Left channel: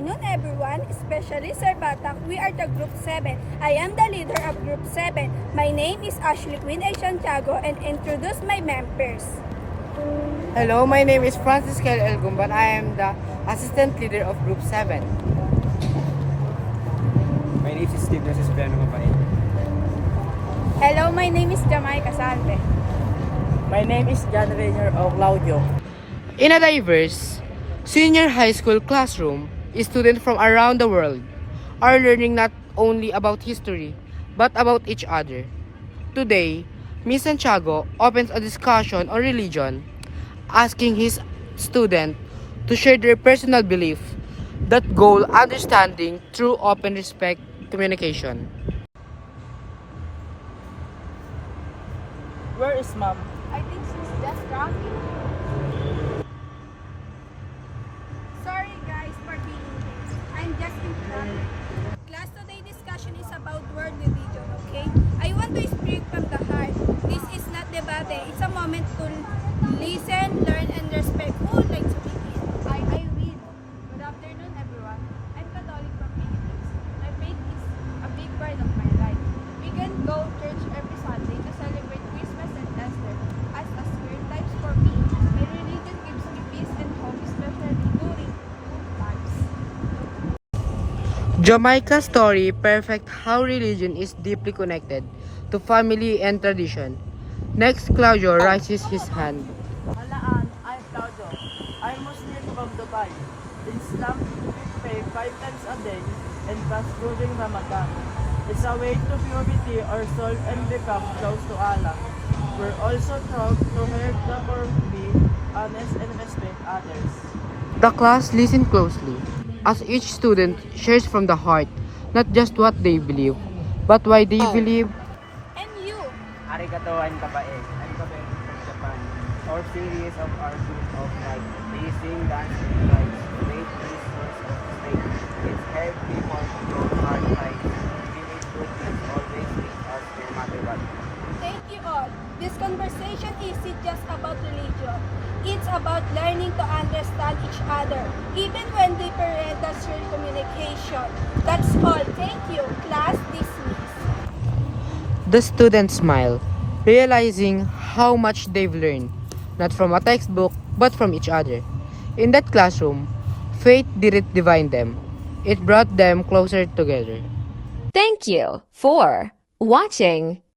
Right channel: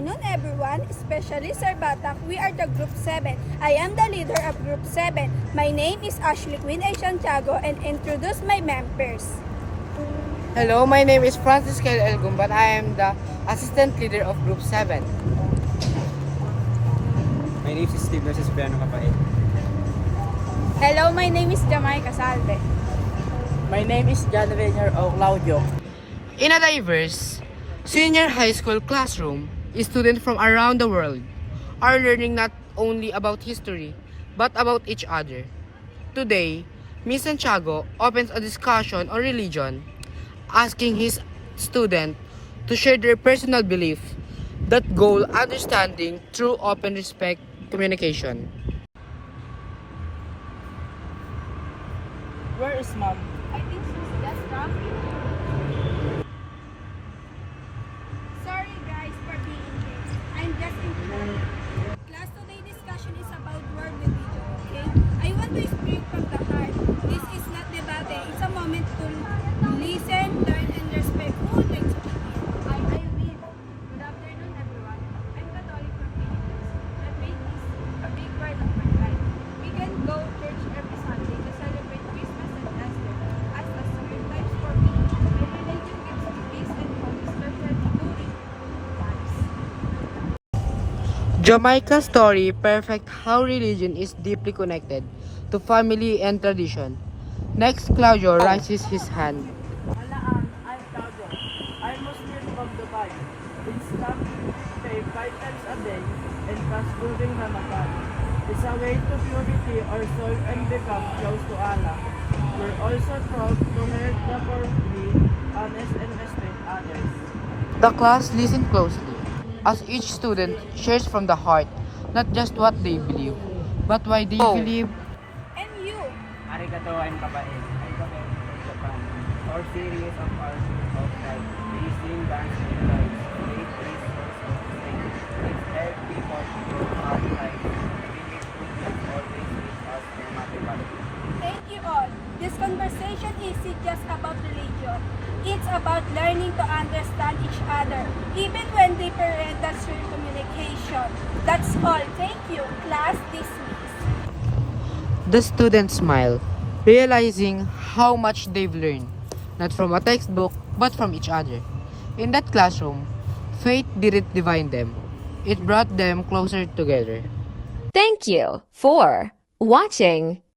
afternoon, everyone, especially Sir Batak. We are the Group 7. I am the leader of Group 7. My name is Ashley Queen A. Santiago and introduce my members. Hello, my name is Francis Kel Elgumban. I am the assistant leader of Group 7. My name is Steve Cipriano Capael. Hello, my name is Jamay Casalve. My name is John Rainier O. Claudio. In a diverse senior high school classroom, students from around the world are learning not only about history, but about each other. Today, Ms. Santiago opens a discussion on religion, asking his students to share their personal belief that goal understanding through open respect communication. Where is mom? I think she's just talking. Sorry guys for being late. I'm just in trouble. Class, today discussion is about world religion, okay? I want to speak from the heart. This is not debate. It's a moment to listen, learn, and respect. Who would like to begin? I will. Good afternoon, everyone. I'm Catholic from Philippines. My faith is a big part of my life. We can go church every Sunday to celebrate Christmas and Easter. As a weird times for me, my religion gives me peace and hope, especially during good times. Jamaica's story perfect how religion is deeply connected to family and tradition. Next, Claudio raises his hand. Malaan, I'm Claudio. I'm Muslim from Dubai. In Islam, we pray 5 times a day and fast during Ramadan. It's a way to purity our soul and become close to Allah. We're also proud to help the poor, be honest and respect others. The class listens closely as each student shares from the heart not just what they believe, but why they believe. And you? Arigato, I'm Kapael. I'm Kapael from Japan. Our series of our group of life, raising dance and noise, great is source of faith. It's help people to go hard life, giving good things always with us no matter what. Thank you all. This conversation isn't just about religion. It's about learning to understand each other, even when different through communication. That's all. Thank you. Class dismissed. The students smile, realizing how much they've learned, not from a textbook, but from each other. In that classroom, faith didn't divide them. It brought them closer together. Thank you for watching.